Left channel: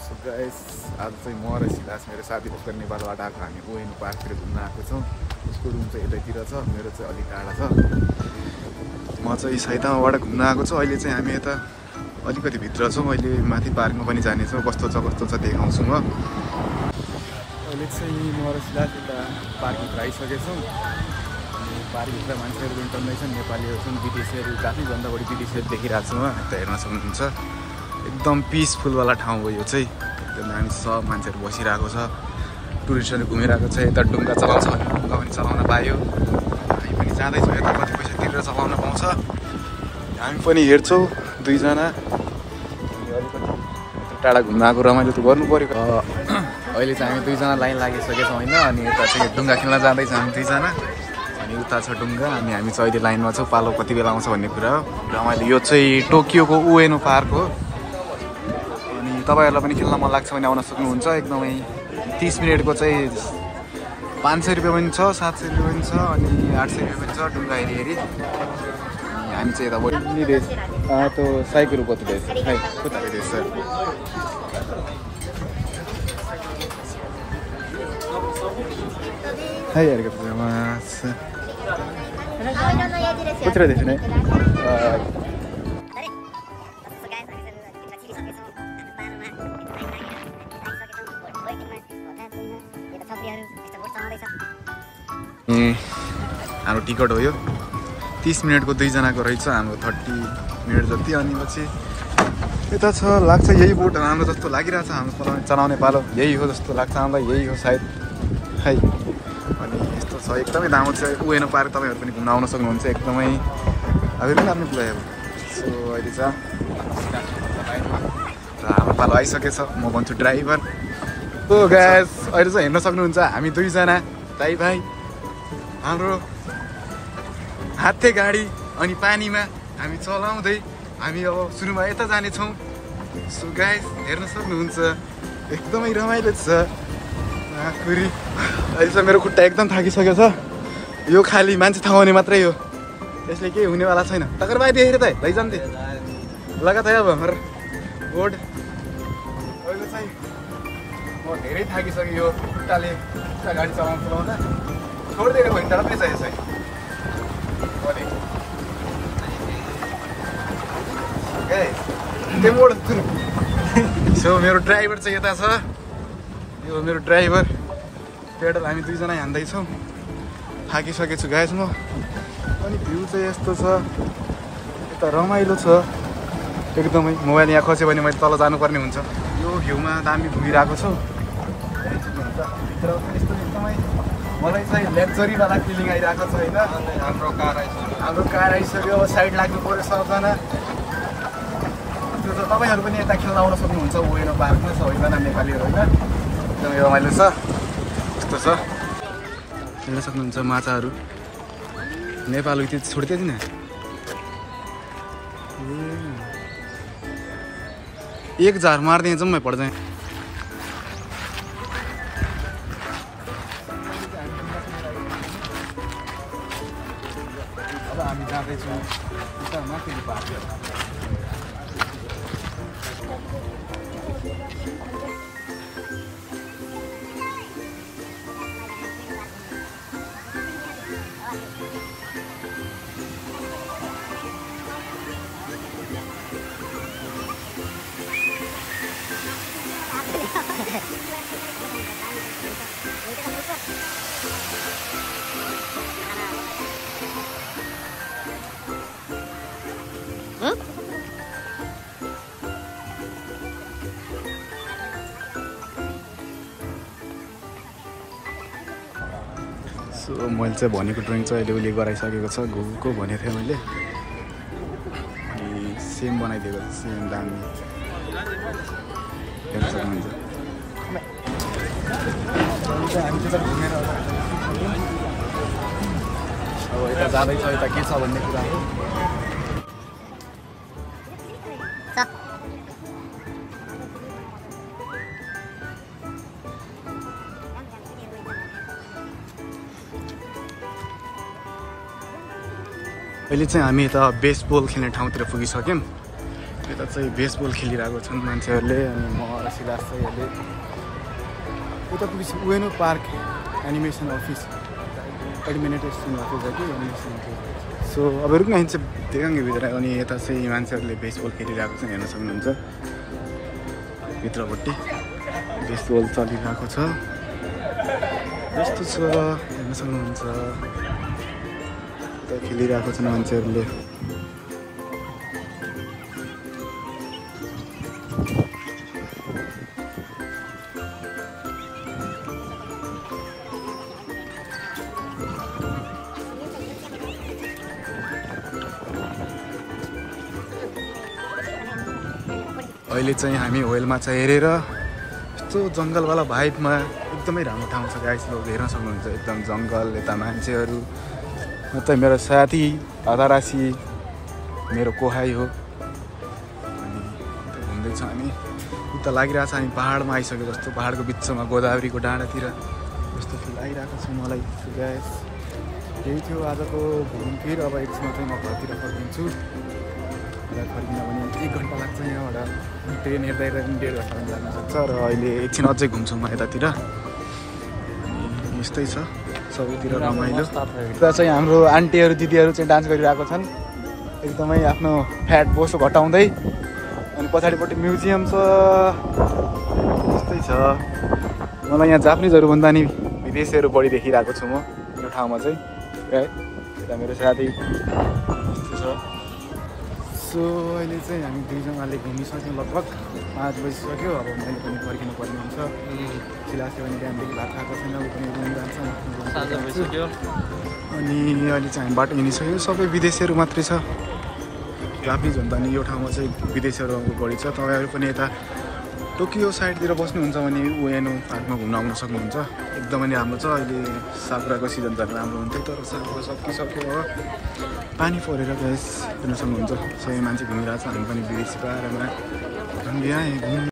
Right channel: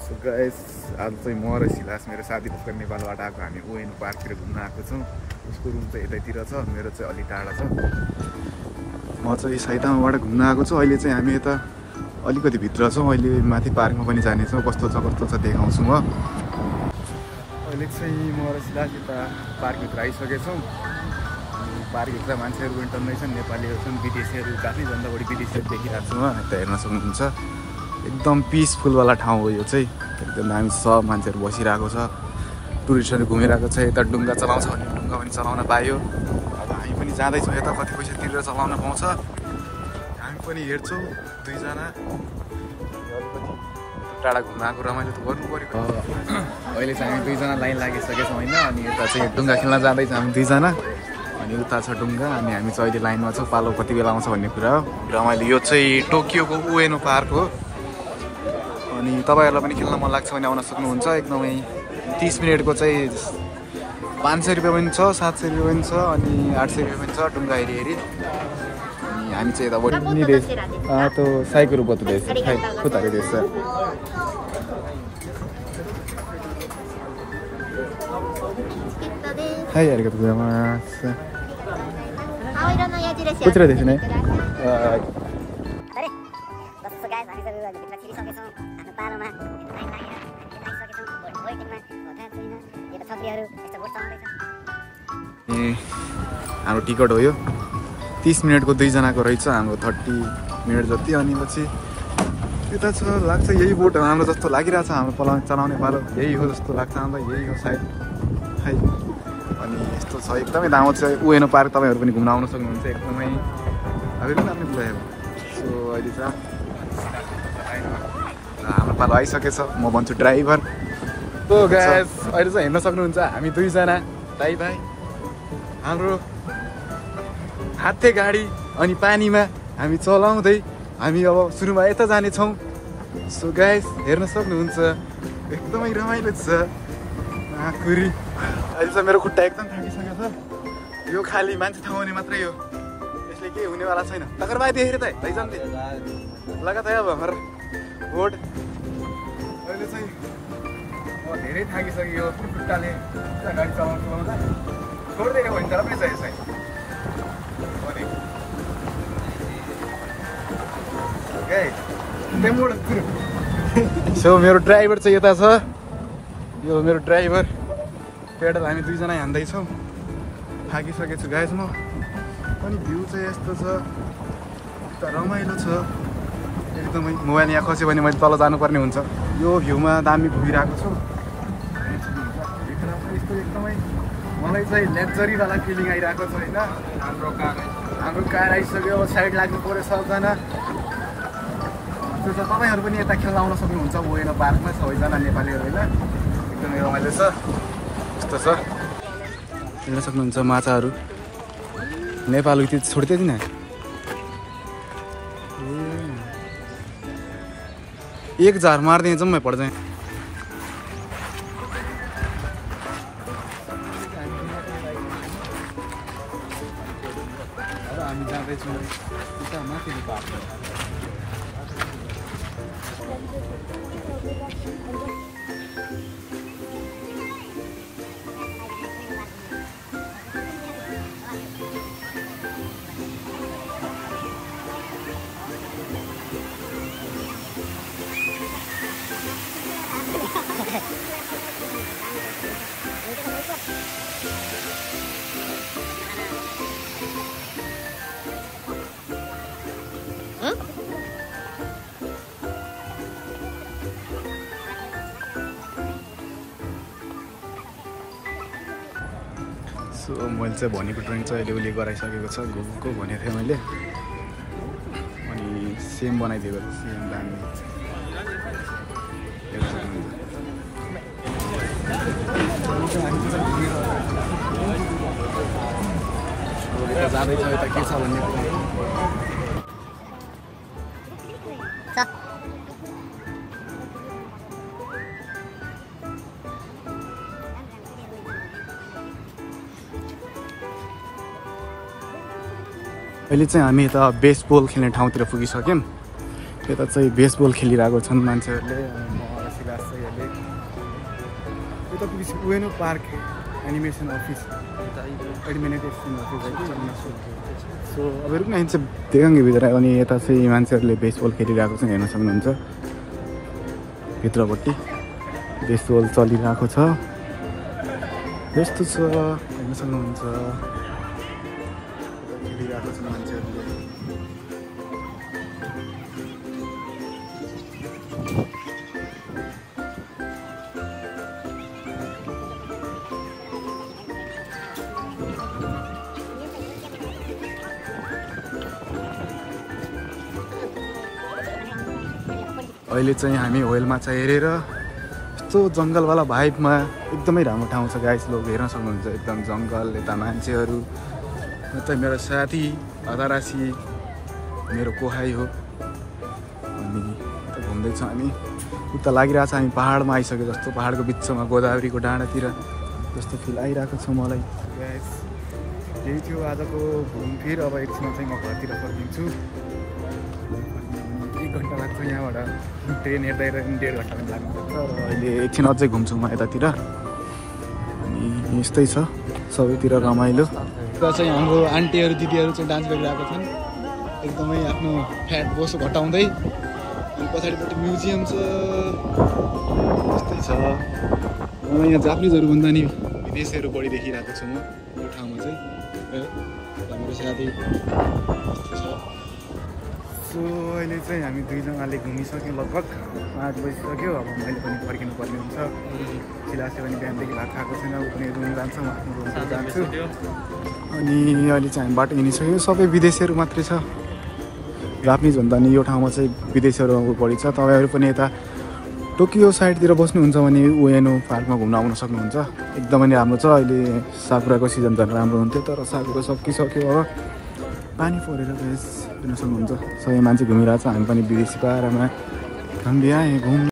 So guys आज चाहिँ म र सिलास मेरो साथी भर्खर नेपालबाट आएको हामी ओएन पार्कतिर घुम्न आएको छौँ। उसको रुम चाहिँ यतैतिर छ, मेरो चाहिँ अलि टाढा छ। म चाहिँ साइतामाबाट घुम्न आएको छु। अहिले चाहिँ हामी यता अलिकति भित्र छौँ। अहिले माथि पार्कमा पनि जानेछौँ। कस्तो छ देखाउँछु म। अहिले चाहिँ म र सिलास यता पार्कभित्र आइसकेछौँ। अनि पार्कभित्र मान्छेहरू पनि टन्नै छन्, नेपालीहरू छन्, विदेशीहरू, काफीभन्दा बढी विदेशीहरू देखिरहेको छु म। यता हेर्न सक्नुहुन्छ एकदम पिसफुलवाला ठाउँ हो यो चाहिँ। एकदम दामी छ, मान्छेहरू बसिरहेको छ, टुरिस्टहरू घुमिरहेको छ। यता डुङ्गा चलाउँछ भने डुङ्गा पनि चलाउन पायो। अब हामी पनि जाँदैछौँ यता, कति पैसा तिरेर चलाउन पाउँछ हामी पनि हेर्छौँ दुईजना। अनि अलिकति टाढा घुम्न आएको रमाइलो त गर्नु पऱ्यो। अहिले चाहिँ हामी दुईजना लाइन लागिसकेछौँ होइन। अनि यता चाहिँ डुङ्गा खेल्न जाँदैछौँ हामी दुईजना। अनि उता छ डुङ्गा, अनि हामी चाहिँ अहिले लाइनमा छौँ। पालो कति बेला आउँछ भन्ने कुरा हो। रमाइलो यो चाहिँ टोकियोको उएनो पार्क हो। अनि तपाईँहरूलाई पनि खेल्न मन लाग्छ भने आउन सक्नुहुन्छ। एकदमै 30 मिनटको चाहिँ 500 रुपियाँ पनि छ, 700 रुपियाँ पनि छ, अनि 800 रुपियाँ पनि छ डुङ्गा हेरी। अनि हामी चाहिँ यताबाट त्यो साइकल बत्तीले खुट्टाले रहेछ। कुतिर देख्छ नै हाम्रो टिकट हो यो। 30 मिनटको दुईजनाको रहेछ, हाम्रो 30 मिनट जति। अनि पछि यता छ लाग्छ यही बोट हाम्रो जस्तो लागिरहेछ। हाम्रो चलाउने पालो यही हो जस्तो लाग्छ हामीलाई, यही हो सायद है। अनि यस्तो छ एकदमै दामी छ उएनो पार्क। तपाईँहरू पनि घुम्न आउन सक्नुहुन्छ। एकदमै अभी पनि आफ्नो कुरा हो। सो अहिले चाहिँ हाम्रो पालो आइसकेछ। म भन्छु ड्राइभर। सो गाइस अहिले चाहिँ हेर्न सक्नुहुन्छ हामी दुईजना दाइ भाइ हाम्रो हात्ते गाडी अनि पानीमा हामी चलाउँदै हामी अब सुरुमा यता जानेछौँ। सो गाइस हेर्न सक्नुहुन्छ एकदमै रमाइलो छ। कुरी अहिले चाहिँ मेरो खुट्टा एकदम थाकिसकेको छ। यो खालि मान्छे थामाउने मात्रै हो, यसले केही हुनेवाला छैन। टक्कर बाई देखेर त लैजान्थे लगात है। अब हाम्रो बोर्ड अहिले चाहिँ म धेरै थाकिसकेँ। यो खुट्टाले गाडी चलाउँदा छोडिदिएर भयो नि त र पैसा यसै। सो मेरो ड्राइभर चाहिँ यता छ। यो मेरो ड्राइभर पेडल हामी दुईजना हान्दैछौँ। थाकिसकेछु गाइस म। अनि भ्यू चाहिँ यस्तो छ, यता रमाइलो छ एकदमै। मोबाइल यहाँ खस्यो भने मैले तल जानुपर्ने हुन्छ। यो भ्यूमा दामी घुमिरहेको छु। भित्र यस्तो एकदमै मलाई चाहिँ लेक्जरीवाला फिलिङ आइरहेको छ होइन। हाम्रो कार आइसक्यो। अब साइड लाग्नु पऱ्यो सबजना। त्यो त तपाईँहरू पनि यता खेल्न आउन सक्नुहुन्छ ओएनो पार्कमा। सबैजना नेपालीहरू होइन, एकदमै रमाइलो छ। यस्तो छ हेर्न सक्नुहुन्छ माछाहरू। नेपाल उति छोड्दै थिएन एक झार मार्दै जम्मै पर्छ। अब हामी जाँदैछौँ उता माथिल्लो पार्क। सो मैले चाहिँ भनेको ड्रइङ चाहिँ अहिले उसले गराइसकेको छ। घुको भनेको थिएँ मैले। अनि सेम बनाइदिएको छ, सेम दामी हेर्न सक्नुहुन्छ। अब यता जाँदैछ, यता के छ भन्ने कुरा हो। अहिले चाहिँ हामी यता बेसबल खेल्ने ठाउँतिर पुगिसक्यौँ। यता चाहिँ बेसबल खेलिरहेको छन् मान्छेहरूले। म सिलास चाहिँ अहिले उता पुगेपछि उएनो park animation office administration office हो कि एनिमेसन अफिस सो अब रुक्न हिँड्छ देखाउने भित्र अनि यता चाहिँ मान्छेहरूले बेसबल खेलिरहेको छ हेर्न सक्नुहुन्छ भित्रपट्टि बेसबल चलिरहेको छ यस्तो छ हेर्न सक्नुहुन्छ यता खेलिरहेको छन् मान्छेहरूले अहिले चाहिँ हामी व्हेल माछा हेरेर यस्तो जङ्गलवाला भाइबमा एकदमै राम्रो ठाउँ छ गाइस लोग हेर्न सक्नुहुन्छ एकदम जङ्गल यता मान्छेहरू म चाहिँ मेरो साथी अधारासी मेरो कोहाई हो अनि घुम्दैछौँ हामी उता लागिरहेको छ हामी पहाडमा आइसक्यो जस्तो पहाडको बिचमा गोदावरीको डाँडातिर जस्तो फिल आइरहेको छ मलाई गाइस त्यही थियो आजको घुमफिर अब एकछिनमा चाहिँ म घरतिर फर्किन्छु फर्किन भने 1 घन्टा लाग्छ यहाँबाट ट्रेन हेर्दा हेर्दा 1.5 घन्टा पनि लाग्न सक्छ र अहिले एकछिन अझै घुम्छु म यतातिर अनि यस्तै छ सबैतिर रमाइलो र चाहिँ हाम्रो आन्टीहरू दिदीहरू चाहिँ डान्स गरिरहेको छन् एकदमै आफ्नो फ्याट बोसो घटाउँदै अनि पछाडिपट्टि म्युजियम छ यस्तै छ मलाई यहाँ जापानिजहरू भन्दा नि विदेशीहरू बढी देखिरहेको छु म यो ठाउँमा चाहिँ यता मेरो साथी सो अहिले चाहिँ हामी दुईजनाले घुमिसक्यौँ लगभग 5 बजिसक्यो अब मैले पनि फर्किनु पर्ने हुन्छ सिलासे पनि बिहानदेखि भात खाएको छैन ऊ पनि रुम जान्छ म आफ्नो रुम जान्छु अनि अहिले चाहिँ हामी बाटो हिँडिसक्यो सबै विदेशीहरू मात्रै छ जापानिज भन्दा नि यो ठाउँमा चाहिँ विदेशीहरू बढी छ तपाईँहरू पनि यता टोकियो साइडतिर बस्नुहुन्छ भने उएनो पार्कमा घुम्न आउन सक्नुहुन्छ एकदमै राम्रो छ अहिले साकुराको सिजन झन् राम्रो हुन्थ्यो तर साकुरा सकिसक्यो अब पानी परेर गएस हेर्न सक्नुहुन्छ सबै मान्छे घुमिरहेको छ हामी पनि ब्रिज पारमा हामी घुम्न